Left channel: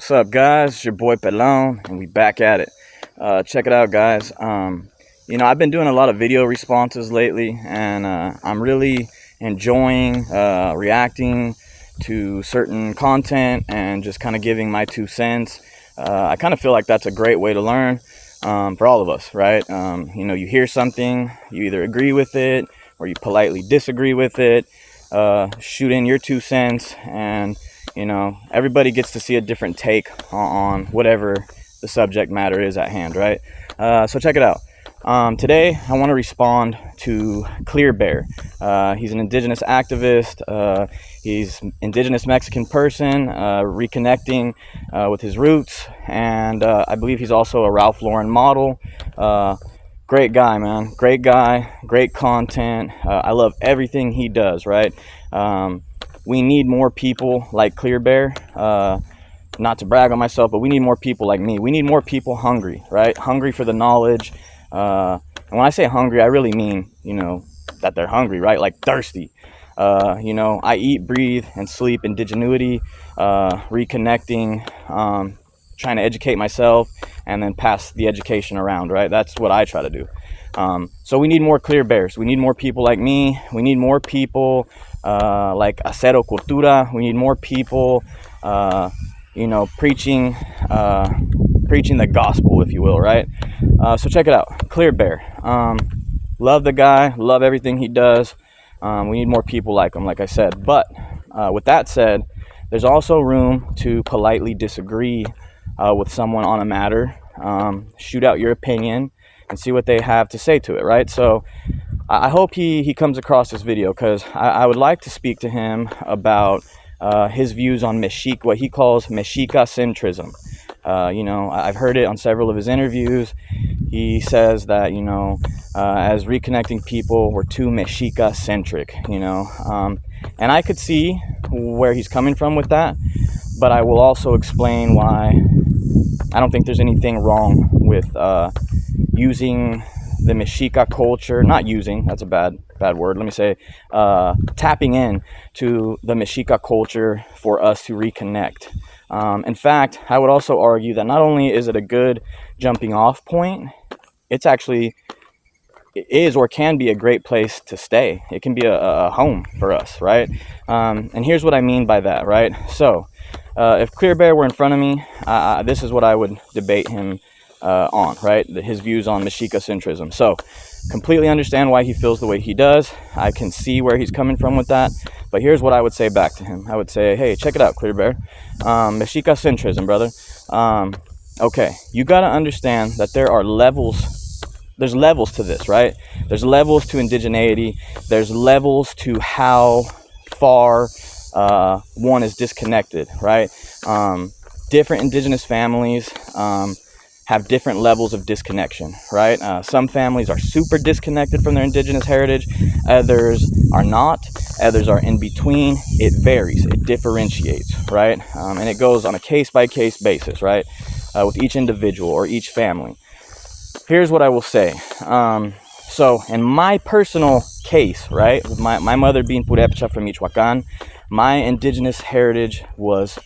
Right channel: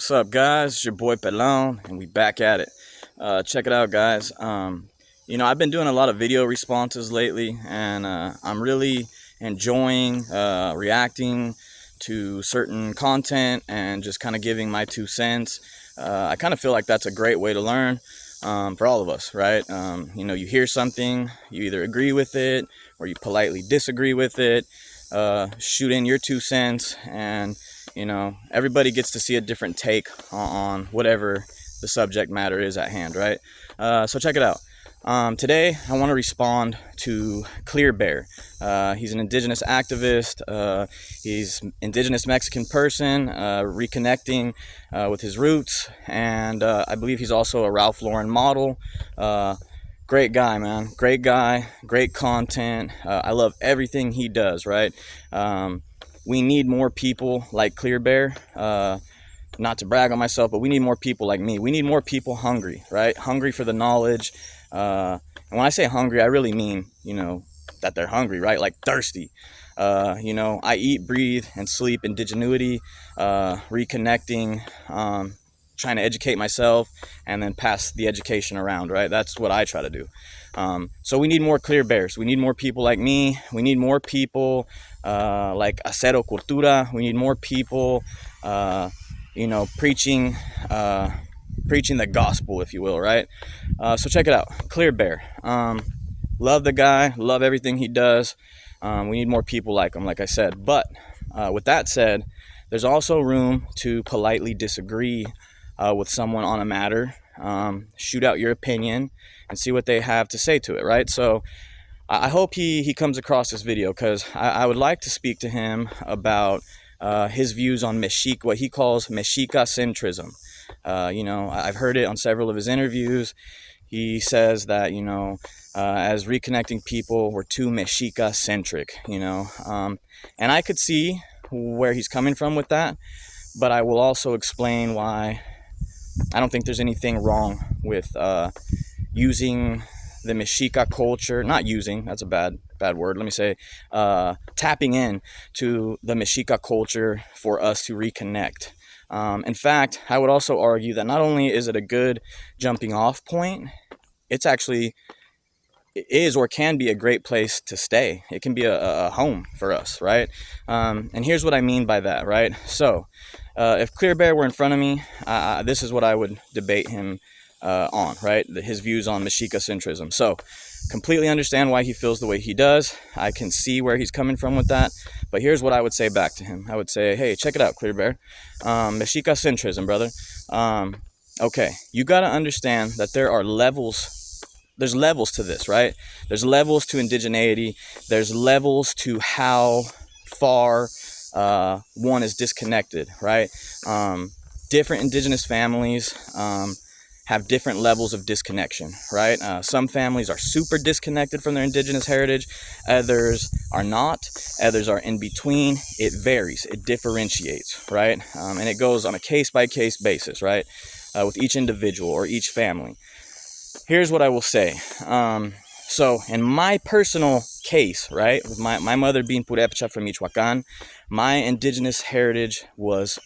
What's up, guys? It's your boy Pelon, and we back at it. Check it out, guys. I've been doing a lot of video responses lately, and I'm really enjoying reacting to certain content and just kind of giving my 2 cents. I kind of feel like that's a great way to learn for all of us, right? You hear something, you either agree with it or you politely disagree with it. Shoot in your 2 cents, and everybody gets to see a different take on whatever the subject matter is at hand, right? So check it out. Today I want to respond to Clearbear. He's an indigenous activist. He's indigenous Mexican person, reconnecting with his roots, and I believe he's also a Ralph Lauren model. Great guy, man. Great guy, great content. I love everything he does, right? We need more people like Clearbear. Not to brag on myself, but we need more people like me. We need more people hungry, right? Hungry for the knowledge. And when I say hungry, I really mean, that they're hungry, right? Like thirsty. I eat, breathe, and sleep indigenuity, reconnecting, trying to educate myself and then pass the education around, right? That's what I try to do. So we need more Clearbears. We need more people like me. We need more people like Acero Cultura. We need more people, preaching the gospel, if you will, right? So check it out, Clearbear. Love the guy, love everything he does. We need more people like him, like I said. But with that said, there's also room to politely disagree with someone on a matter. Shoot out your opinion and see what they have to say to it, right? So I hope he comes across this video, because I would like to speak to him about his views on Mexica, what he calls Mexica centrism. I've heard it on several of his interviews. He says that, as reconnecting people, we're too Mexica centric, and I could see where he's coming from with that, but I will also explain why I don't think there's anything wrong with using the Mexica culture, not using, that's a bad word, let me say, tapping in to the Mexica culture for us to reconnect. In fact, I would also argue that not only is it a good jumping off point, it is or can be a great place to stay. It can be a home for us, right? And here's what I mean by that, right? So if Clearbear were in front of me, this is what I would debate him on, right? His views on Mexica centrism. So completely understand why he feels the way he does. I can see where he's coming from with that. But here's what I would say back to him. I would say, hey, check it out, Clearbear. Mexica centrism, brother. Okay, you got to understand that there's levels to this, right? There's levels to indigeneity. There's levels to how far one is disconnected, right? Different indigenous families have different levels of disconnection, right? Some families are super disconnected from their indigenous heritage. Others are not. Others are in between. It varies. It differentiates, right? And it goes on a case-by-case basis, right? With each individual or each family. Here's what I will say. So in my personal case, right, with my mother being Purepecha from Michoacan, my indigenous heritage was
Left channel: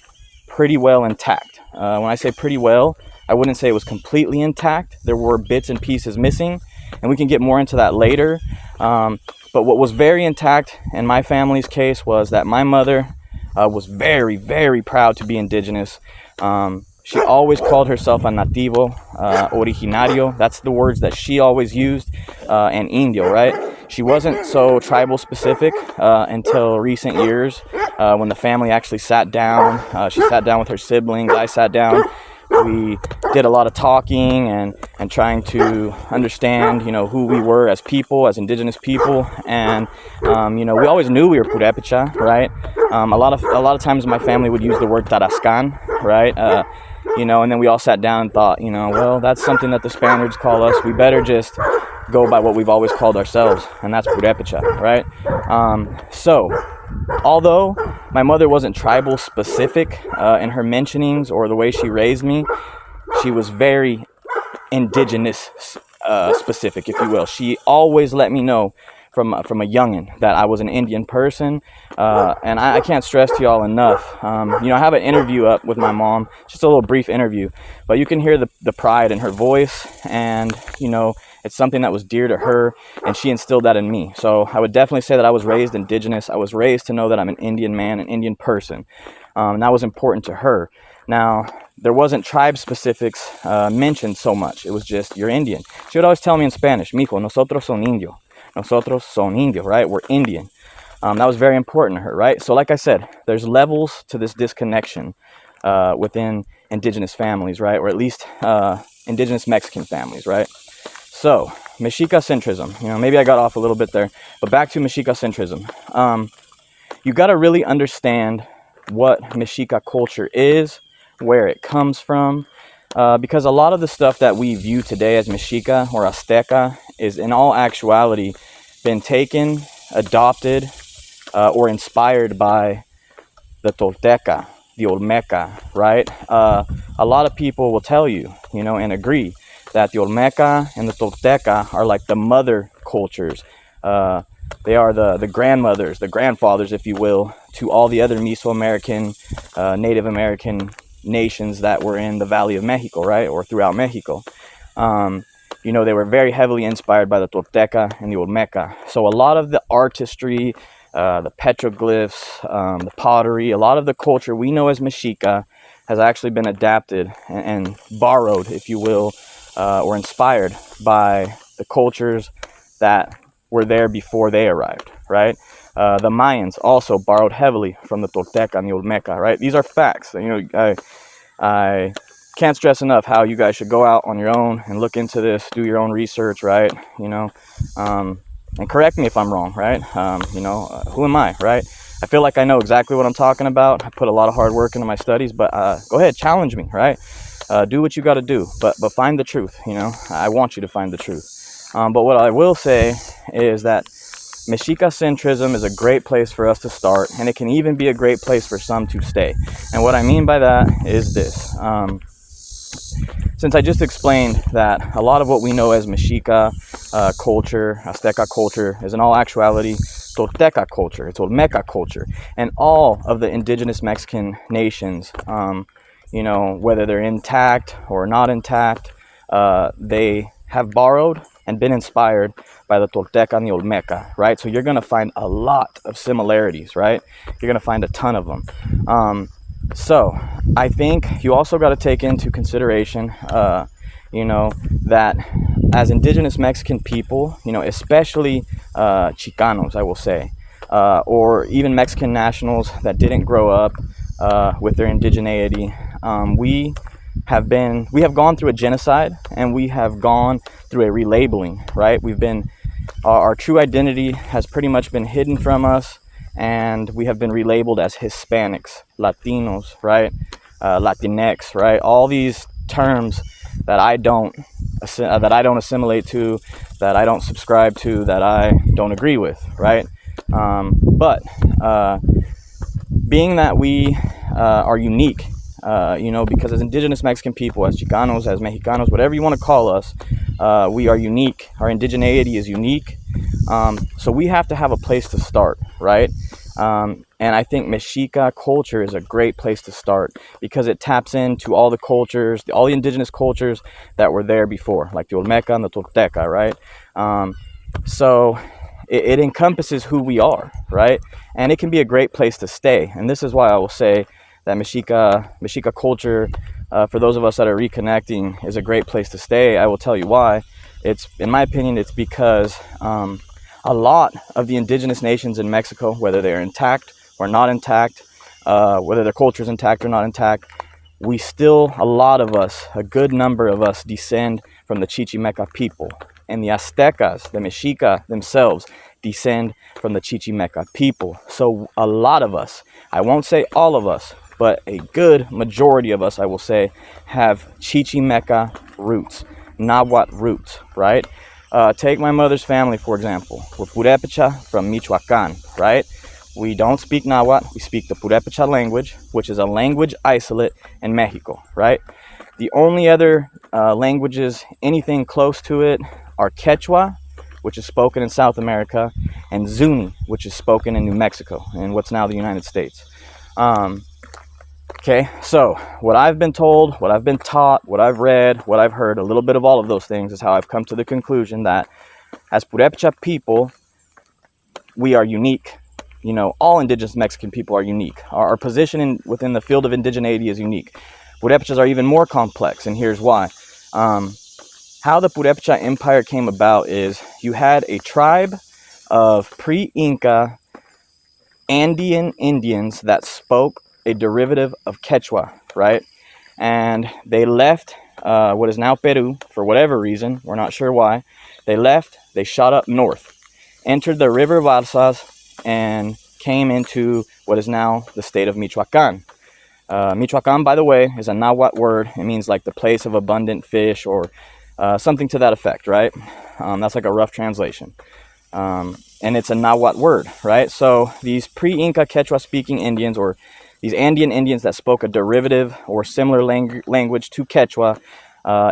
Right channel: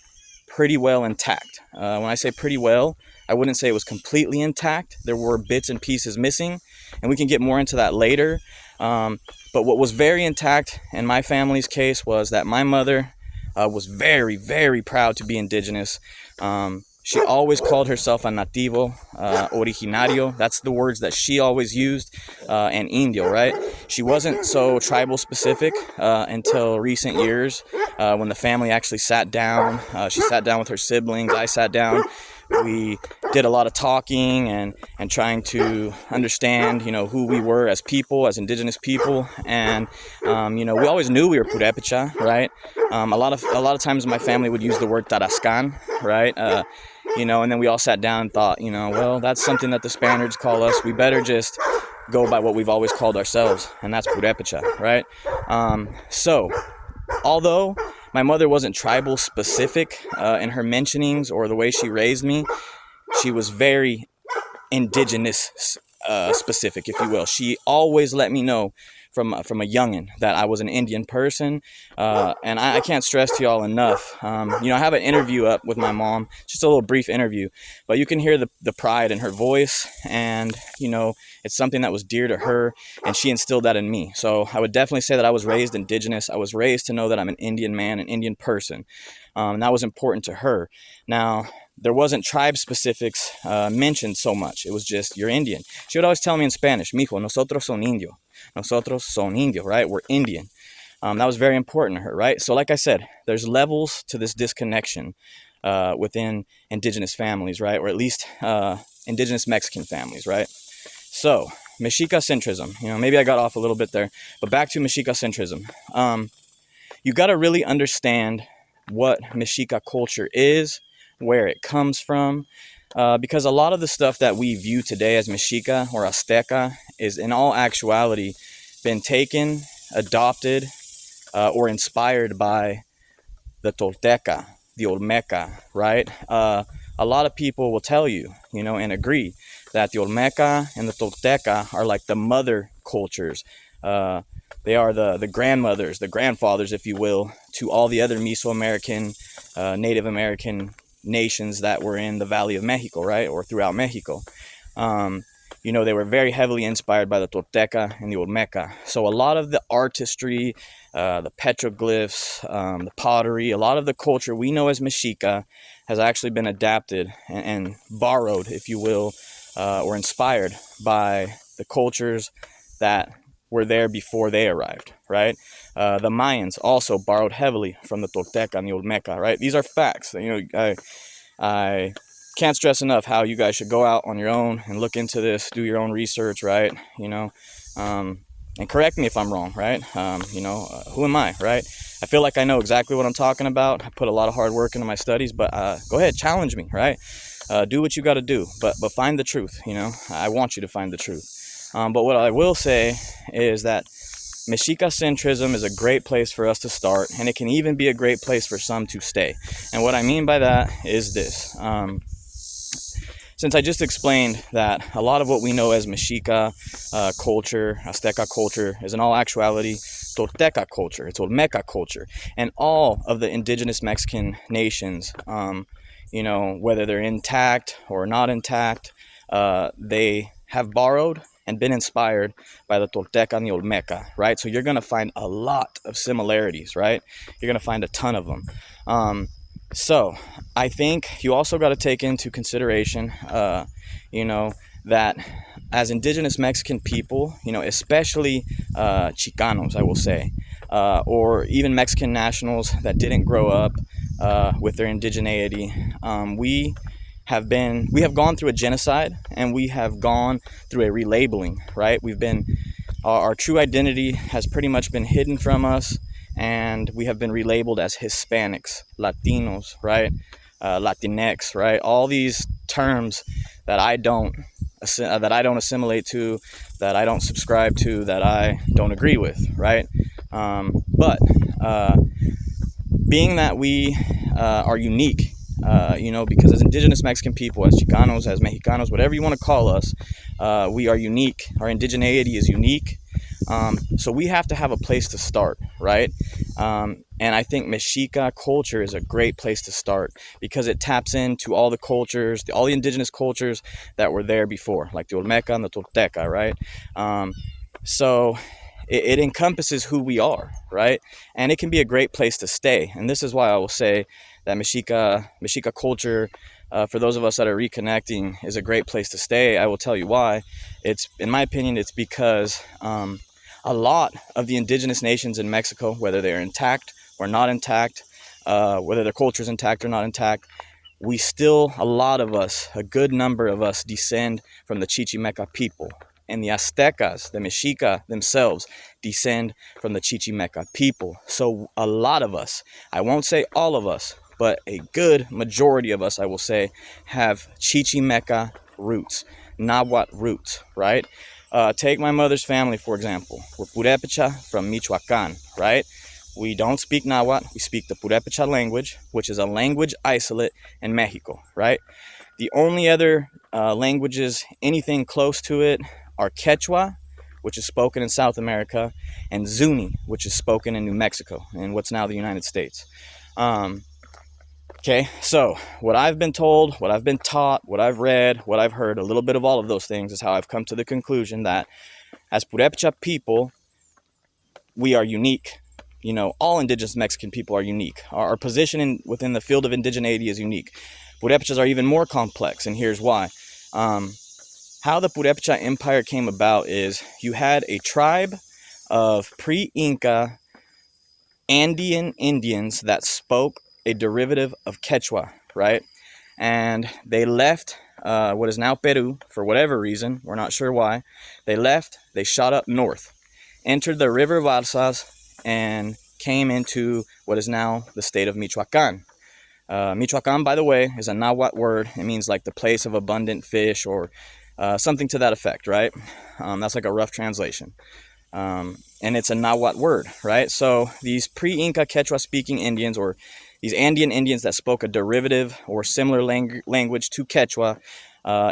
pretty well intact. When I say pretty well, I wouldn't say it was completely intact. There were bits and pieces missing, and we can get more into that later. But what was very intact in my family's case was that my mother was very, very proud to be indigenous. She always called herself a nativo, originario. That's the words that she always used, and indio, right? She wasn't so tribal specific until recent years, when the family actually sat down. She sat down with her siblings. I sat down. We did a lot of talking and trying to understand, who we were as people, as indigenous people. And, we always knew we were Purepecha, right? A lot of times my family would use the word Tarascan, right? And then we all sat down and thought, well, that's something that the Spaniards call us. We better just go by what we've always called ourselves, and that's Purepecha, right? So although my mother wasn't tribal specific in her mentionings or the way she raised me, she was very indigenous specific, if you will. She always let me know from a youngin that I was an Indian person, and I can't stress to y'all enough. You know, I have an interview up with my mom, just a little brief interview, but you can hear the pride in her voice, and you know, it's something that was dear to her, and she instilled that in me. So I would definitely say that I was raised indigenous. I was raised to know that I'm an Indian man, an Indian person, and that was important to her. Now, there wasn't tribe specifics mentioned so much. It was just, you're Indian. She would always tell me in Spanish, mijo, nosotros son indio. Nosotros son indio, right? We're Indian. That was very important to her, right? So like I said, there's levels to this disconnection within indigenous families, right? Or at least indigenous Mexican families, right? So, Mexica centrism. You know, maybe I got off a little bit there, but back to Mexica centrism. You got to really understand what Mexica culture is, where it comes from, because a lot of the stuff that we view today as Mexica or Azteca is in all actuality been taken, adopted, or inspired by the Tolteca, the Olmeca, right? A lot of people will tell you, you know, and agree that the Olmeca and the Tolteca are like the mother cultures. They are the grandmothers, the grandfathers, if you will, to all the other Mesoamerican, Native American nations that were in the Valley of Mexico, right? Or throughout Mexico. You know, they were very heavily inspired by the Tolteca and the Olmeca. So a lot of the artistry, the petroglyphs, the pottery, a lot of the culture we know as Mexica has actually been adapted and borrowed, if you will, or inspired by the cultures that were there before they arrived, right? The Mayans also borrowed heavily from the Tolteca and the Olmeca, right? These are facts. You know, I can't stress enough how you guys should go out on your own and look into this, do your own research, right? You know, and correct me if I'm wrong, right? You know, who am I, right? I feel like I know exactly what I'm talking about. I put a lot of hard work into my studies, but go ahead, challenge me, right? Do what you got to do, but find the truth. You know, I want you to find the truth. But what I will say is that Mexica centrism is a great place for us to start, and it can even be a great place for some to stay. And what I mean by that is this. Since I just explained that a lot of what we know as Mexica culture, Azteca culture, is in all actuality Tolteca culture, it's Olmeca culture, and all of the indigenous Mexican nations, you know, whether they're intact or not intact, they have borrowed and been inspired by the Tolteca and the Olmeca, right? So you're going to find a lot of similarities, right? You're going to find a ton of them. So I think you also got to take into consideration, you know, that as indigenous Mexican people, you know, especially Chicanos, I will say, or even Mexican nationals that didn't grow up with their indigeneity, we have gone through a genocide, and we have gone through a relabeling, right? Our true identity has pretty much been hidden from us, and we have been relabeled as Hispanics, Latinos, right? Latinx, right? All these terms that I don't assimilate to, that I don't subscribe to, that I don't agree with, right? But being that we are unique, you know, because as indigenous Mexican people, as Chicanos, as Mexicanos, whatever you want to call us, we are unique. Our indigeneity is unique. So we have to have a place to start, right? And I think Mexica culture is a great place to start because it taps into all the cultures, all the indigenous cultures that were there before, like the Olmeca and the Tolteca, right? So it encompasses who we are, right? And it can be a great place to stay. And this is why I will say that Mexica culture, for those of us that are reconnecting, is a great place to stay. I will tell you why. It's, in my opinion, it's because a lot of the indigenous nations in Mexico, whether they're intact or not intact, whether their culture is intact or not intact, a lot of us, a good number of us, descend from the Chichimeca people. And the Aztecas, the Mexica themselves, descend from the Chichimeca people. So a lot of us, I won't say all of us, but a good majority of us, I will say, have Chichimeca roots, Nahuatl roots, right? Take my mother's family, for example. We're Purepecha from Michoacan, right? We don't speak Nahuatl, we speak the Purepecha language, which is a language isolate in Mexico, right? The only other languages, anything close to it, are Quechua, which is spoken in South America, and Zuni, which is spoken in New Mexico, in what's now the United States. Okay, so what I've been told, what I've been taught, what I've read, what I've heard, a little bit of all of those things is how I've come to the conclusion that as Purepecha people, we are unique. You know, all indigenous Mexican people are unique. Our position within the field of indigeneity is unique. Purepechas are even more complex, and here's why. How the Purepecha Empire came about is you had a tribe of pre-Inca Andean Indians that spoke a derivative of Quechua, right? And they left what is now Peru for whatever reason. We're not sure why. They left, they shot up north, entered the river Balsas, and came into what is now the state of Michoacan. Michoacan, by the way, is a Nahuatl word. It means like the place of abundant fish or something to that effect, right? That's like a rough translation. And it's a Nahuatl word, right? So these pre-Inca Quechua-speaking Indians, or these Andean Indians that spoke a derivative or similar language to Quechua,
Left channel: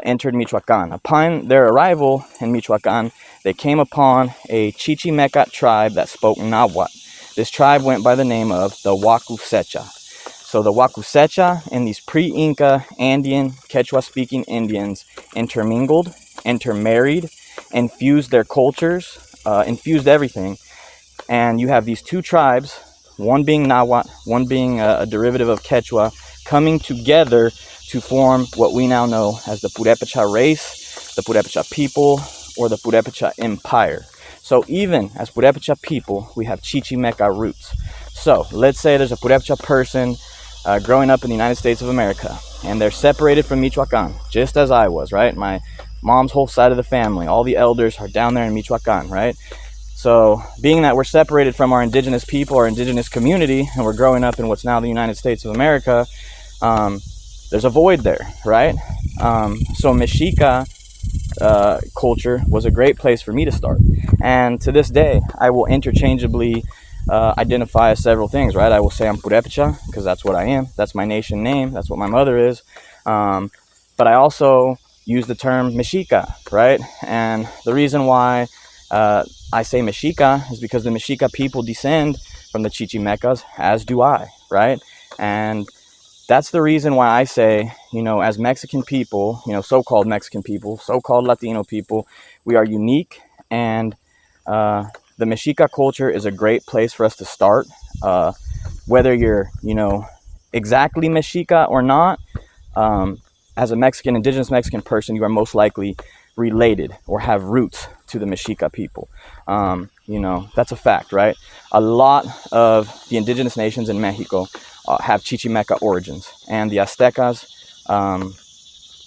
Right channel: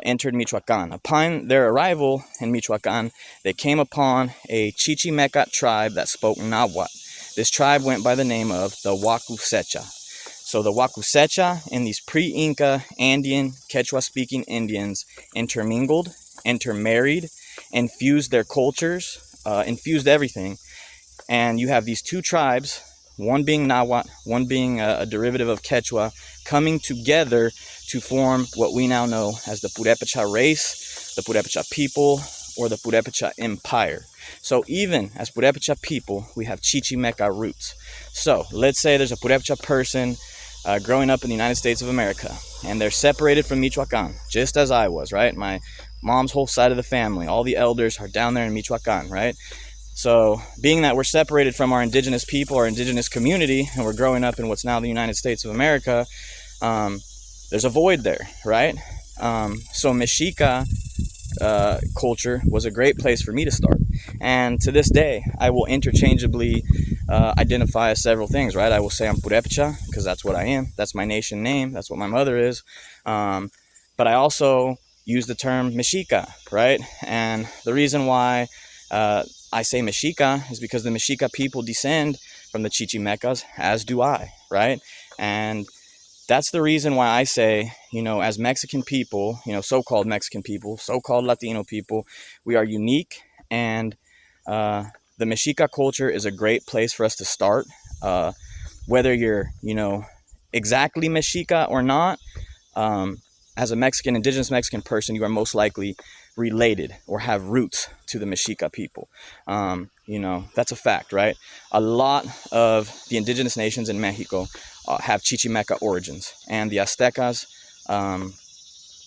entered Michoacan. Upon their arrival in Michoacan, they came upon a Chichimeca tribe that spoke Nahuatl. This tribe went by the name of the Wakusecha. So the Wakusecha and these pre-Inca Andean Quechua-speaking Indians intermingled, intermarried, infused their cultures, infused everything. And you have these two tribes, one being Nahuatl, one being a derivative of Quechua, coming together to form what we now know as the Purepecha race, the Purepecha people, or the Purepecha Empire. So even as Purepecha people, we have Chichimeca roots. So let's say there's a Purepecha person growing up in the United States of America, and they're separated from Michoacan, just as I was, right? My mom's whole side of the family, all the elders are down there in Michoacan, right? So being that we're separated from our indigenous people, our indigenous community, and we're growing up in what's now the United States of America, there's a void there, right? So Mexica culture was a great place for me to start. And to this day, I will interchangeably identify as several things, right? I will say I'm Purepecha, because that's what I am. That's my nation name. That's what my mother is. But I also use the term Mexica, right? And the reason why I say Mexica is because the Mexica people descend from the Chichimecas, as do I, right? And that's the reason why I say, you know, as Mexican people, you know, so-called Mexican people, so-called Latino people, we are unique, and the Mexica culture is a great place for us to start. Whether you're, you know, exactly Mexica or not, as a Mexican, indigenous Mexican person, you are most likely related or have roots to the Mexica people. You know, that's a fact, right? A lot of the indigenous nations in Mexico have Chichimeca origins, and the Aztecas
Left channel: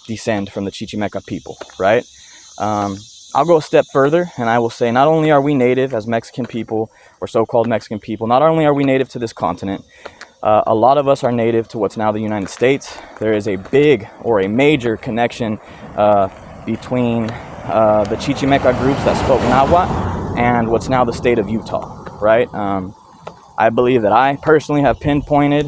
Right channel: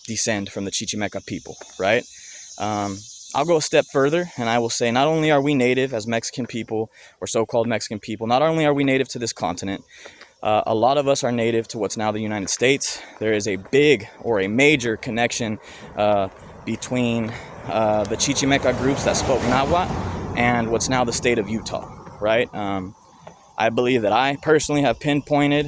descend from the Chichimeca people, right? I'll go a step further, and I will say not only are we native as Mexican people, or so-called Mexican people, not only are we native to this continent, a lot of us are native to what's now the United States. There is a big or a major connection between the Chichimeca groups that spoke Nahuatl and what's now the state of Utah, right? I believe that I personally have pinpointed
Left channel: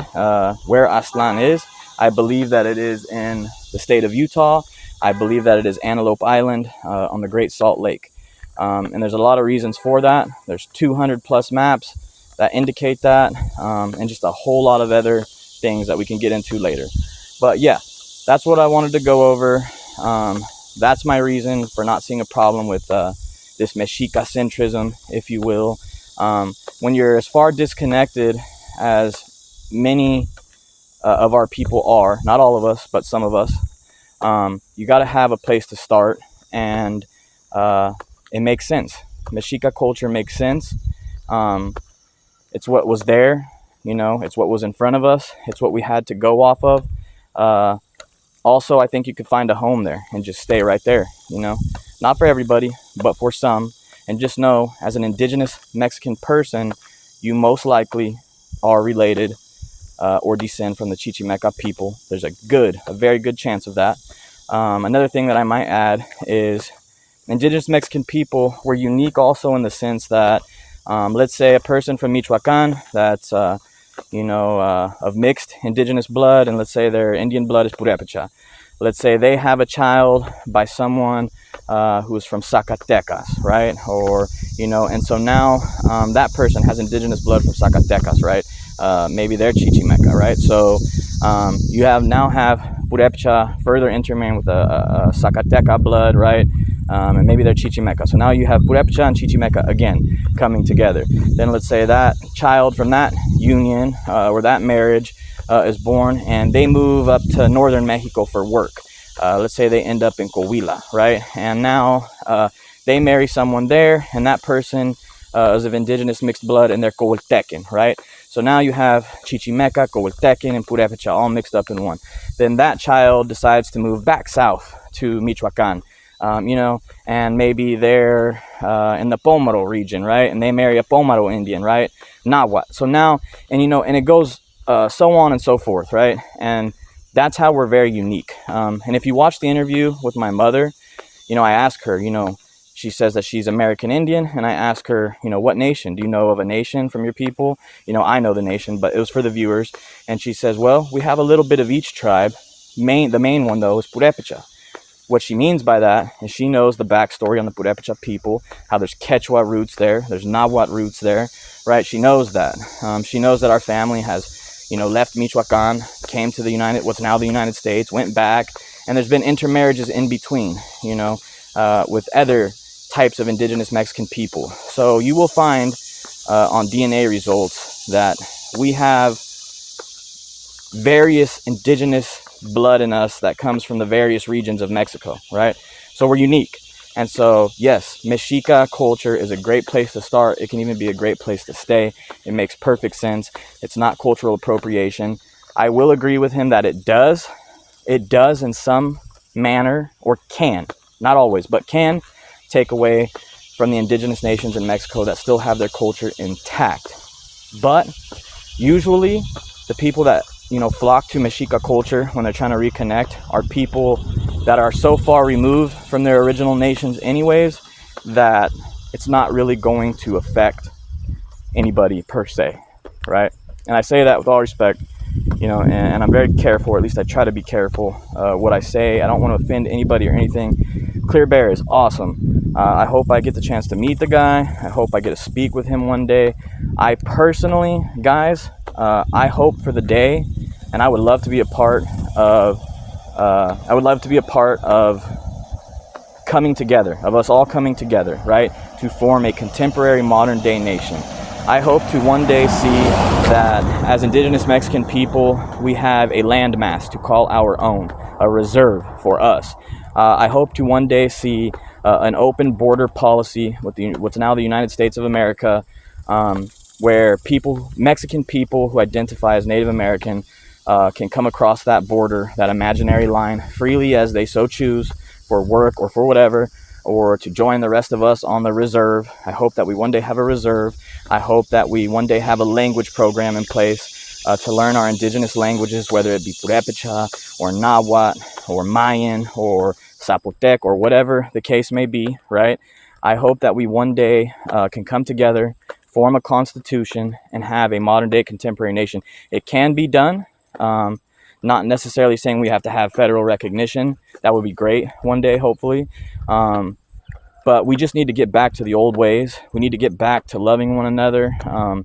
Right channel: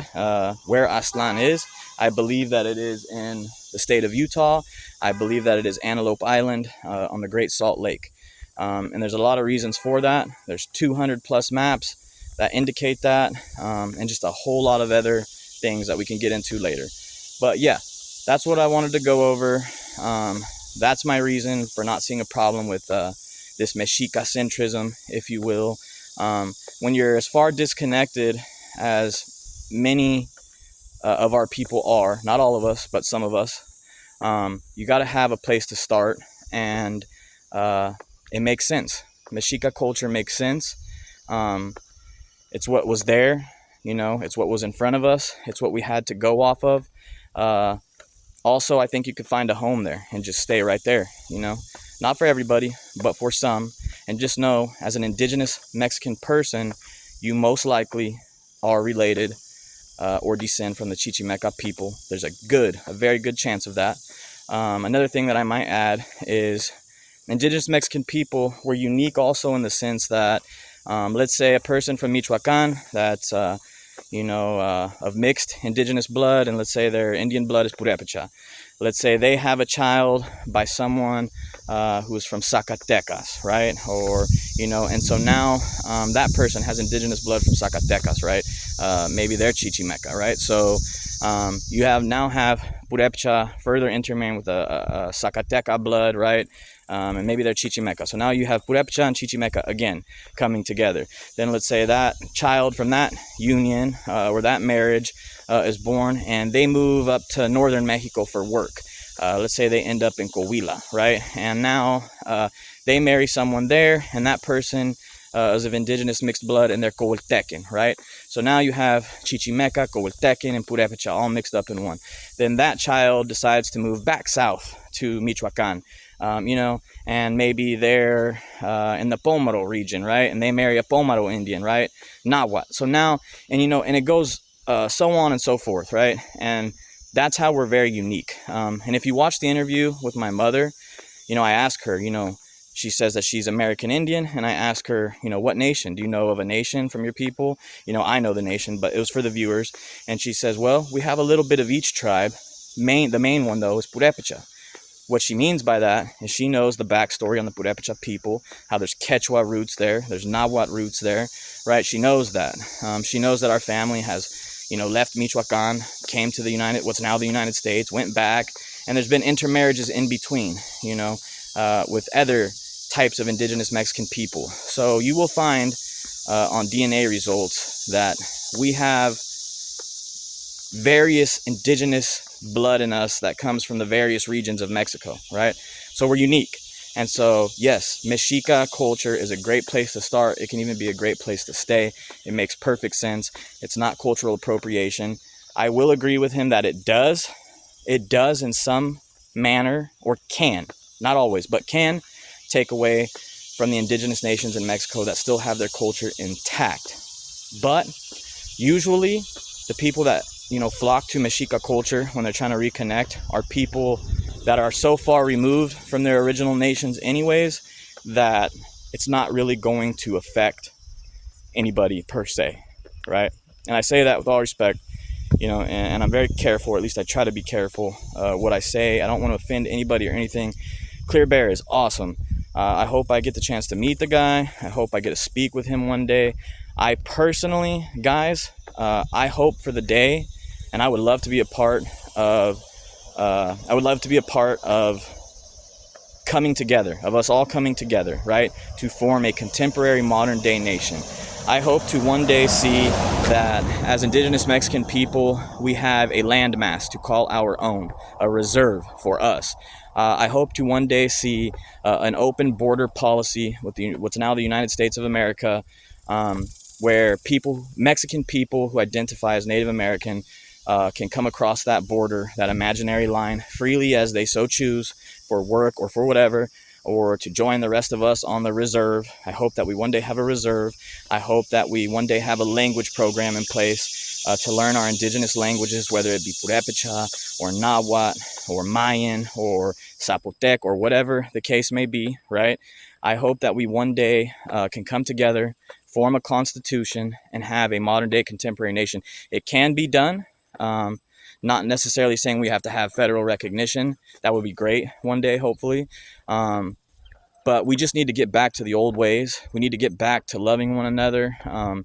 where Aztlán is. I believe that it is in the state of Utah. I believe that it is Antelope Island on the Great Salt Lake. And there's a lot of reasons for that. There's 200 plus maps that indicate that, and just a whole lot of other things that we can get into later. But yeah, that's what I wanted to go over. That's my reason for not seeing a problem with this Mexica centrism, if you will. When you're as far disconnected as many of our people are, not all of us, but some of us, you got to have a place to start, and it makes sense. Mexica culture makes sense. It's what was there, you know, it's what was in front of us, it's what we had to go off of. Also, I think you could find a home there and just stay right there, you know. Not for everybody, but for some. And just know, as an indigenous Mexican person, you most likely are related or descend from the Chichimeca people. There's a very good chance of that. Another thing that I might add is indigenous Mexican people were unique also in the sense that, let's say a person from Michoacan that's of mixed indigenous blood, and let's say their Indian blood is Purepecha. Let's say they have a child by someone who's from Zacatecas, right? Or, and so now that person has indigenous blood from Zacatecas, right? Maybe they're Chichimeca, right? So you now have Purepecha further intermarrying with a Zacateca blood, right? And maybe they're Chichimeca. So now you have Purepecha and Chichimeca again coming together. Then let's say that child from that union or that marriage is born, and they move up to northern Mexico for work. Let's say they end up in Coahuila, right? And now they marry someone there, and that person is of indigenous mixed blood, and they're Coahuiltecan, right? So now you have Chichimeca, Coahuiltecan, and Purepecha all mixed up in one. Then that child decides to move back south to Michoacan, and maybe they're in the Pomaro region, right? And they marry a Pomaro Indian, right? Nahuatl. So now, and it goes so on and so forth, right? And that's how we're very unique. And if you watch the interview with my mother, I ask her, she says that she's American Indian, and I ask her, what nation? Do you know of a nation from your people? I know the nation, but it was for the viewers. And she says, well, we have a little bit of each tribe. The main one, though, is Purepecha. What she means by that is she knows the backstory on the Purepecha people, how there's Quechua roots there, there's Nahuatl roots there, right? She knows that. She knows that our family has, left Michoacan, came to what's now the United States, went back, and there's been intermarriages in between, with other types of indigenous Mexican people. So you will find on DNA results that we have various indigenous blood in us that comes from the various regions of Mexico, right? So we're unique. And so, yes, Mexica culture is a great place to start. It can even be a great place to stay. It makes perfect sense. It's not cultural appropriation. I will agree with him that it does in some manner, or can, not always, but can take away from the indigenous nations in Mexico that still have their culture intact. But usually the people that flock to Mexica culture when they're trying to reconnect are people that are so far removed from their original nations anyways that it's not really going to affect anybody per se, right? And I say that with all respect, and I'm very careful, or at least I try to be careful what I say. I don't want to offend anybody or anything. Clear Bear is awesome. I hope I get the chance to meet the guy. I hope I get to speak with him one day. I personally, guys, I hope for the day, and I would love to be a part of coming together, of us all coming together, right, to form a contemporary modern day nation. I hope to one day see that as indigenous Mexican people, we have a landmass to call our own, a reserve for us. I hope to one day see an open border policy with what's now the United States of America, where Mexican people who identify as Native American can come across that border, that imaginary line, freely as they so choose, for work or for whatever, or to join the rest of us on the reserve. I hope that we one day have a reserve. I hope that we one day have a language program in place to learn our indigenous languages, whether it be Purepecha or Nahuatl or Mayan or Zapotec or whatever the case may be, right? I hope that we one day can come together, form a constitution, and have a modern day contemporary nation. It can be done. Not necessarily saying we have to have federal recognition. That would be great one day, hopefully. But we just need to get back to the old ways. We need to get back to loving one another and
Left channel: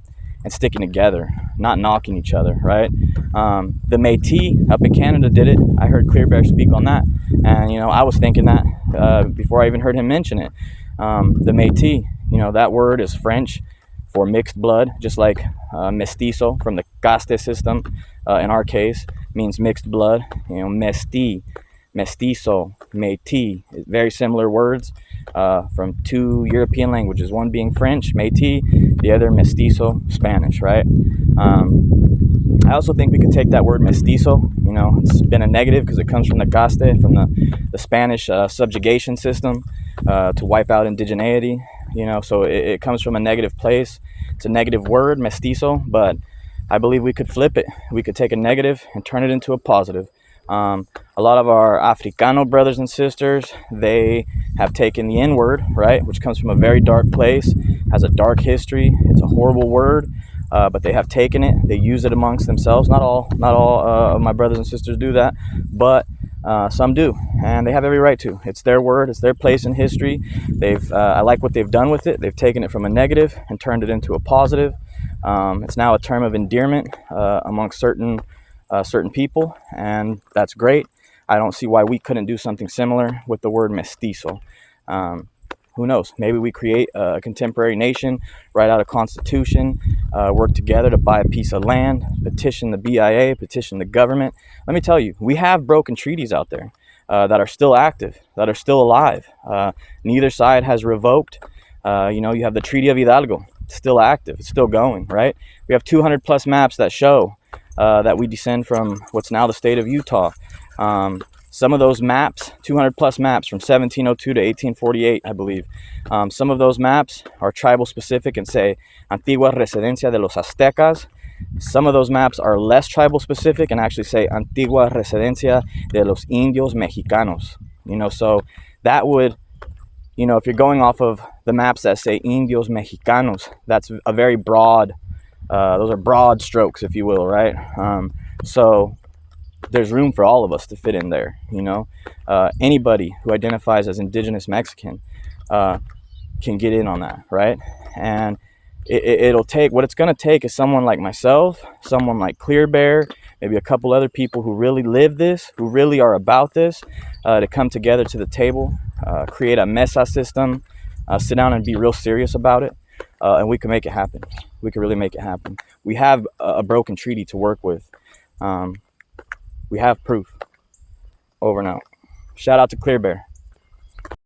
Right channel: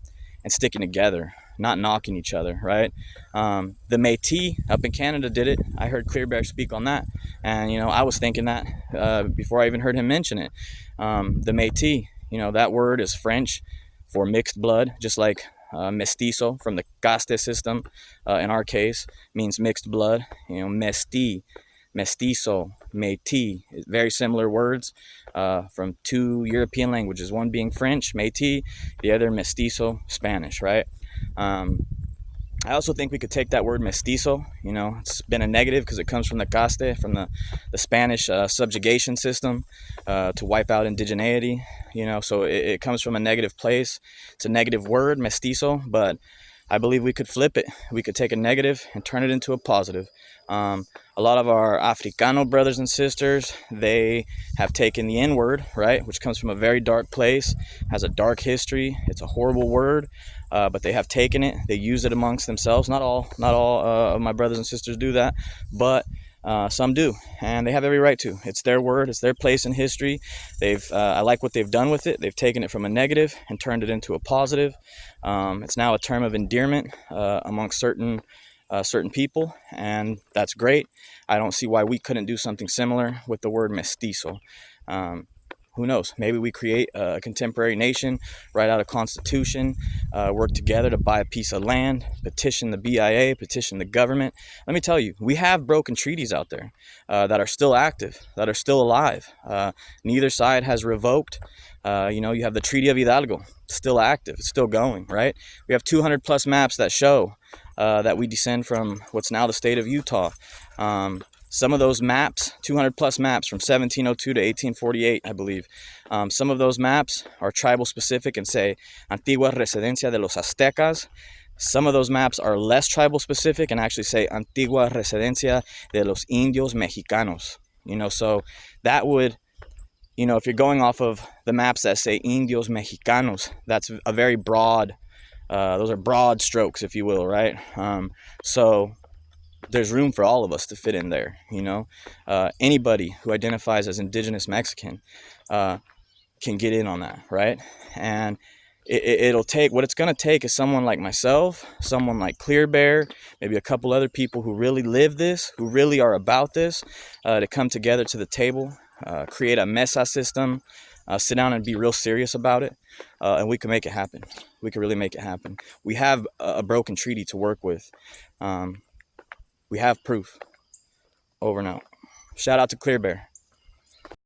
sticking together, not knocking each other, right? The Métis up in Canada did it. I heard Clear Bear speak on that. And, I was thinking that before I even heard him mention it. The Métis, that word is French for mixed blood, just like mestizo from the caste system, in our case, means mixed blood. Mestizo, Métis, very similar words from two European languages, one being French, Métis, the other mestizo, Spanish, right? I also think we could take that word mestizo, it's been a negative because it comes from the caste, from the Spanish subjugation system to wipe out indigeneity, so it comes from a negative place. It's a negative word, mestizo, but I believe we could flip it. We could take a negative and turn it into a positive. A lot of our Africano brothers and sisters, they have taken the N-word, right, which comes from a very dark place, has a dark history. It's a horrible word. but they have taken it. They use it amongst themselves. Not all of my brothers and sisters do that, but some do, and they have every right to. It's their word. It's their place in history. I like what they've done with it. They've taken it from a negative and turned it into a positive. It's now a term of endearment amongst certain people, and that's great. I don't see why we couldn't do something similar with the word mestizo. Who knows? Maybe we create a contemporary nation, write out a constitution, work together to buy a piece of land, petition the BIA, petition the government. Let me tell you, we have broken treaties out there that are still active, that are still alive. Neither side has revoked. You have the Treaty of Hidalgo, still active, it's still going, right? We have 200 plus maps that show that we descend from what's now the state of Utah. Some of those maps, 200 plus maps from 1702 to 1848, I believe. Some of those maps are tribal specific and say Antigua Residencia de los Aztecas. Some of those maps are less tribal specific and actually say Antigua Residencia de los Indios Mexicanos. So that would, if you're going off of the maps that say Indios Mexicanos, that's a very broad, those are broad strokes, if you will, right? So there's room for all of us to fit in there. Anybody who identifies as indigenous Mexican can get in on that, right? And it'll take, what it's going to take is someone like myself, someone like Clear Bear, maybe a couple other people who really live this, who really are about this, to come together to the table, create a mesa system, sit down and be real serious about it, and we can make it happen. We can really make it happen. We have a broken treaty to work with. We have proof. Over and out. Shout out to Clear Bear.